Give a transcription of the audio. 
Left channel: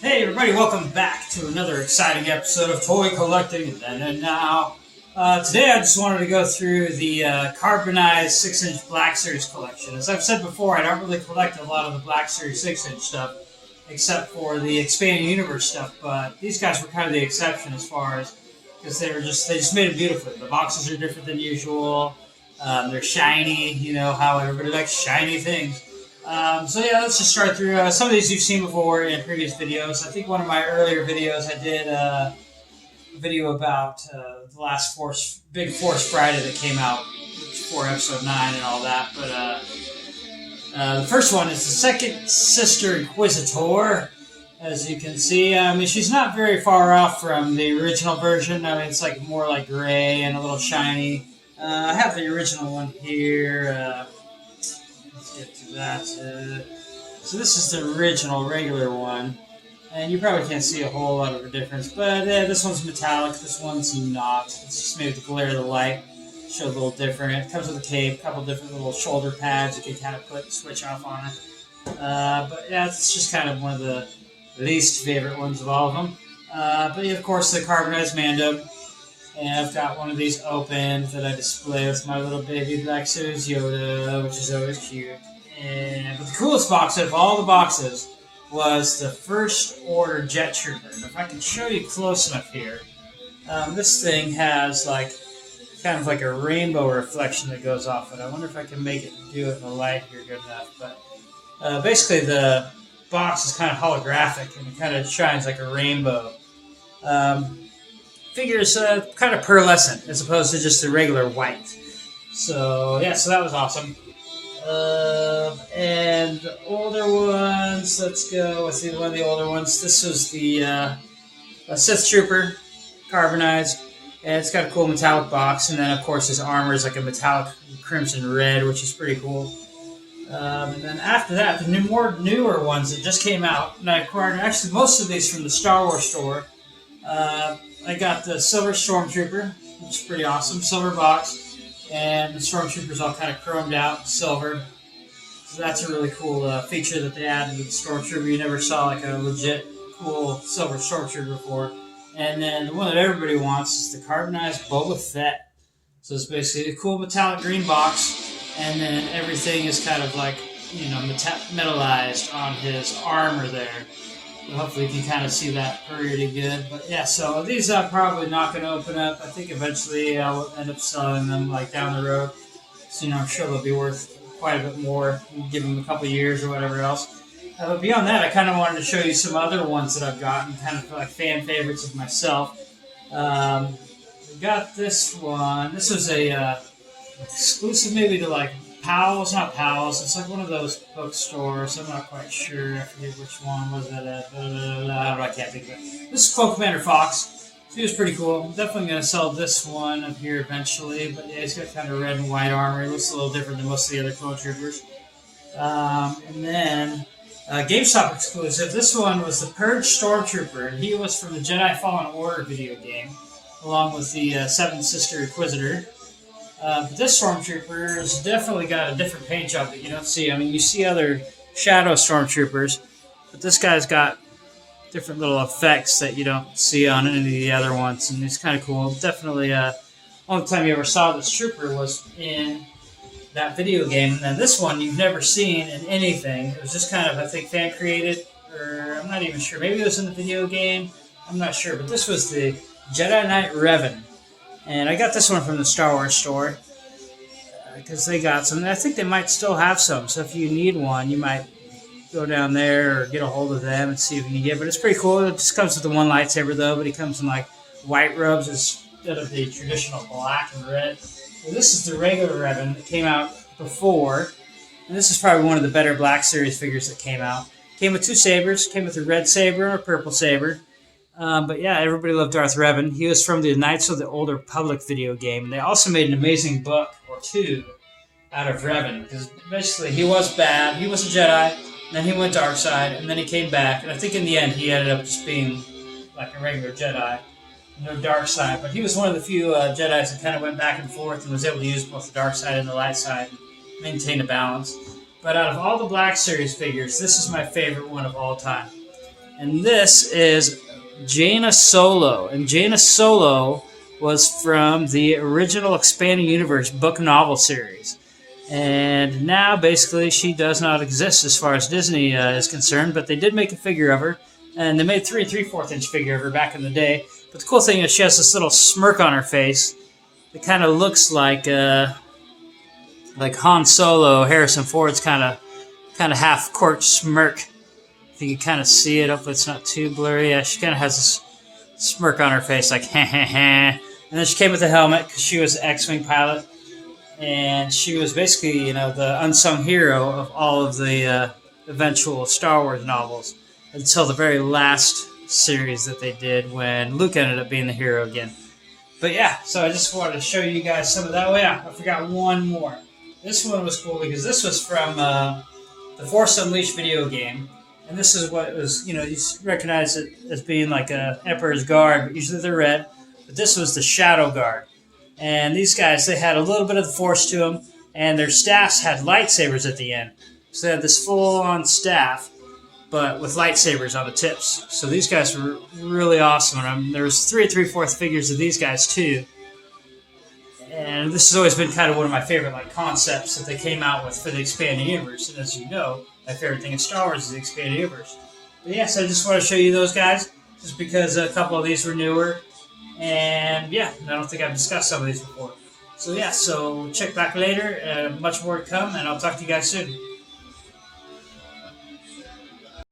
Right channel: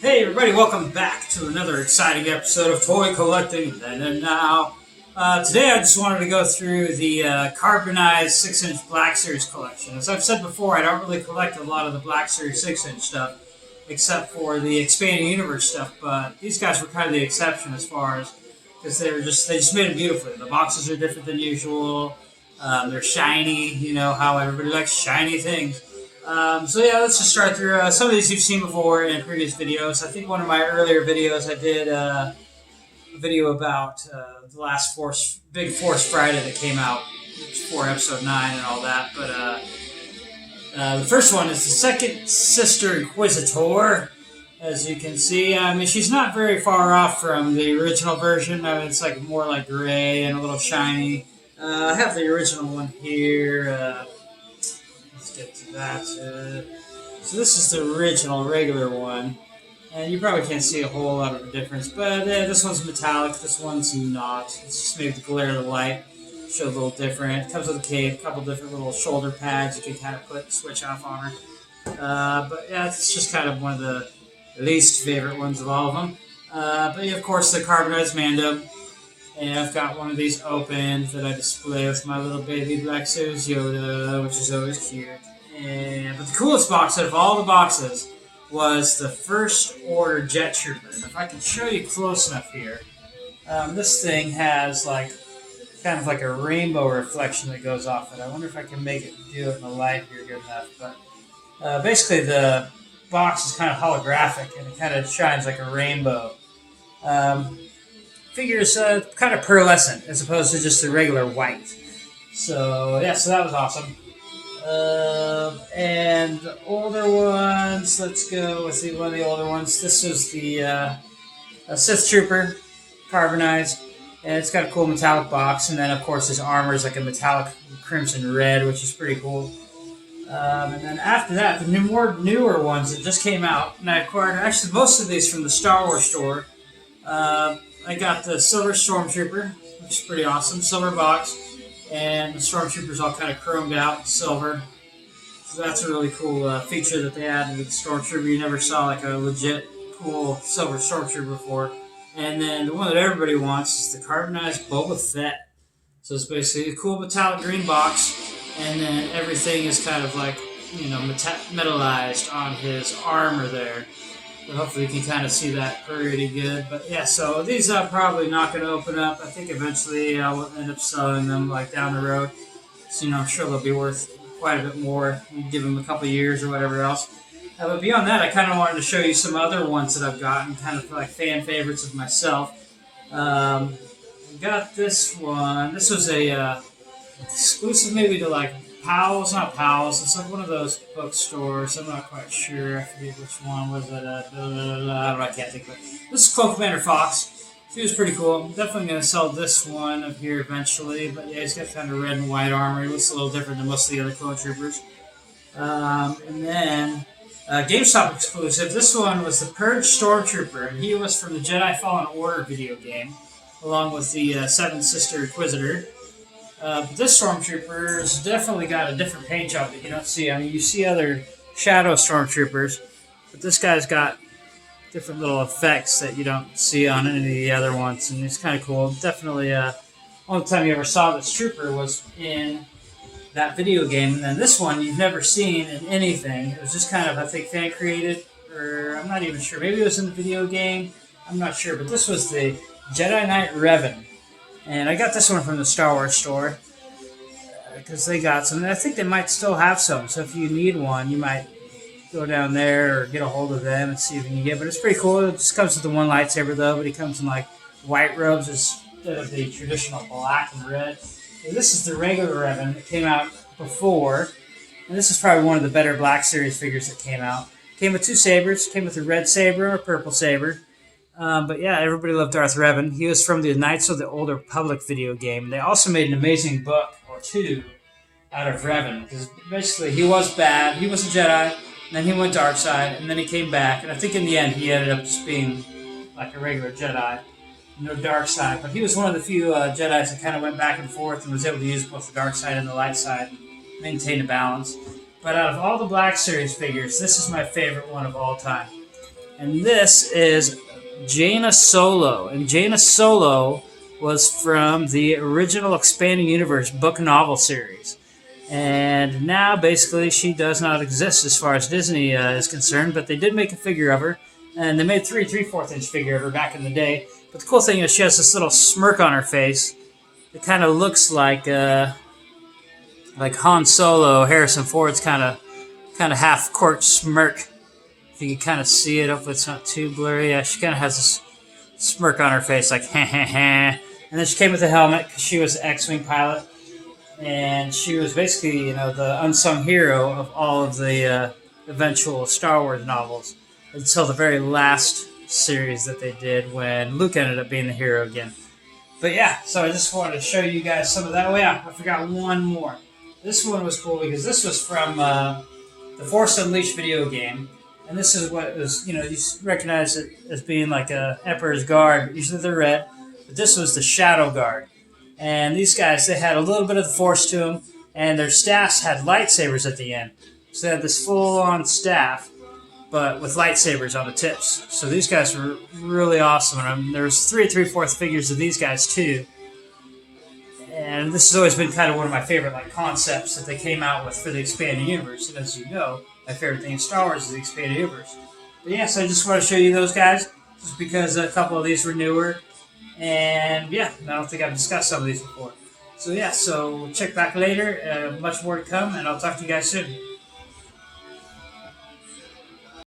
Hey everybody, welcome back to another exciting episode of Toy Collecting Then and Now. Today I just wanted to go through the carbonized 6-inch Black Series collection. As I've said before, I don't really collect a lot of the Black Series 6-inch stuff, except for the Expanding Universe stuff, but these guys were kind of the exception as far as, because they just made it beautifully. The boxes are different than usual, they're shiny, you know how everybody likes shiny things. So yeah, let's just start through some of these you've seen before in previous videos. I think one of my earlier videos I did a video about the last Big Force Friday that came out for episode 9 and all that. But the first one is the second sister Inquisitor. As you can see, I mean, she's not very far off from the original version. I mean, it's like more like gray and a little shiny. I have the original one here. Let's get to that. So this is the original regular one, and you probably can't see a whole lot of a difference, but this one's metallic, this one's not. It's just maybe the glare of the light shows a little different. It comes with a cape, a couple different little shoulder pads you can kind of put and switch off on her. But yeah, it's just kind of one of the least favorite ones of all of them. But yeah, of course, the carbonized Mando. And I've got one of these opened that I display with my little baby Black Series Yoda, which is always cute. But the coolest box out of all the boxes was the First Order Jet Trooper. And if I can show you close enough here, this thing has kind of like a rainbow reflection that goes off it. I wonder if I can make it do it in the light here good enough. But basically the box is kind of holographic and it kind of shines like a rainbow. Figures kind of pearlescent as opposed to just the regular white. So yeah, so that was awesome. And older ones, let's go with one of the older ones. This was the Sith Trooper, carbonized, and it's got a cool metallic box. And then of course his armor is like a metallic crimson red, which is pretty cool. And then after that, the newer ones that just came out, and I acquired actually most of these from the Star Wars store. I got the Silver Stormtrooper, which is pretty awesome. Silver box, and the Stormtrooper's all kind of chromed out, silver. So that's a really cool feature that they added to the Stormtrooper. You never saw like a legit cool Silver Stormtrooper before. And then the one that everybody wants is the carbonized Boba Fett. So it's basically a cool metallic green box, and then everything is kind of like, you know, metallized on his armor there. Hopefully you can kind of see that pretty good. But yeah, so these I'm probably not going to open up. I think eventually I'll end up selling them like down the road. So, you know, I'm sure they'll be worth quite a bit more. Give them a couple years or whatever else. But beyond that, I kind of wanted to show you some other ones that I've gotten, kind of like fan favorites of myself. We got this one. This was a exclusive maybe to like Powell's, not Powell's. It's like one of those bookstores. I'm not quite sure. I forget which one was it. I can't think of it. This is Clone Commander Fox. He was pretty cool. I'm definitely going to sell this one up here eventually. But yeah, he's got kind of red and white armor. He looks a little different than most of the other clone troopers. And then GameStop exclusive. This one was the Purge Stormtrooper, and he was from the Jedi Fallen Order video game, along with the Seventh Sister Inquisitor. But this Stormtrooper's definitely got a different paint job that you don't see. I mean, you see other Shadow Stormtroopers, but this guy's got different little effects that you don't see on any of the other ones, and it's kind of cool. Definitely, only time you ever saw this trooper was in that video game, and then this one you've never seen in anything. It was just kind of, I think, fan created, or I'm not even sure. Maybe it was in the video game. I'm not sure, but this was the Jedi Knight Revan. And I got this one from the Star Wars store because they got some. I think they might still have some. So if you need one, you might go down there or get a hold of them and see if you can get. But it's pretty cool. It just comes with the one lightsaber though. But it comes in like white robes instead of the traditional black and red. So this is the regular Revan that came out before. And this is probably one of the better Black Series figures that came out. Came with two sabers. Came with a red saber or a purple saber. But yeah, everybody loved Darth Revan. He was from the Knights of the Old Republic video game. They also made an amazing book or two out of Revan. Because basically he was bad. He was a Jedi. And then he went dark side. And then he came back. And I think in the end he ended up just being like a regular Jedi. No dark side. But he was one of the few Jedis that kind of went back and forth and was able to use both the dark side and the light side and maintain a balance. But out of all the Black Series figures, this is my favorite one of all time. And this is Jaina Solo. And Jaina Solo was from the original Expanding Universe book novel series. And now, basically, she does not exist as far as Disney is concerned, but they did make a figure of her. And they made 3/4 inch figure of her back in the day. But the cool thing is she has this little smirk on her face. It kind of looks like Han Solo, Harrison Ford's kind of half-corked smirk. If you can kind of see it, if it's not too blurry. Yeah, she kind of has this smirk on her face, like ha ha ha. And then she came with a helmet because she was an X-wing pilot, and she was basically, you know, the unsung hero of all of the eventual Star Wars novels until the very last series that they did when Luke ended up being the hero again. But yeah, so I just wanted to show you guys some of that. Oh yeah, I forgot one more. This one was cool because this was from the Force Unleashed video game. And this is what was, you know, you recognize it as being like a Emperor's Guard. Usually they're red, but this was the Shadow Guard. And these guys, they had a little bit of the Force to them, and their staffs had lightsabers at the end. So they had this full-on staff, but with lightsabers on the tips. So these guys were really awesome. And there's 3/3/4 figures of these guys too. And this has always been kind of one of my favorite like concepts that they came out with for the Expanding Universe. And as you know, my favorite thing in Star Wars is the Expanded Universe. But yeah, so I just want to show you those guys, just because a couple of these were newer. And yeah, I don't think I've discussed some of these before. So yeah, so check back later. Much more to come, and I'll talk to you guys soon.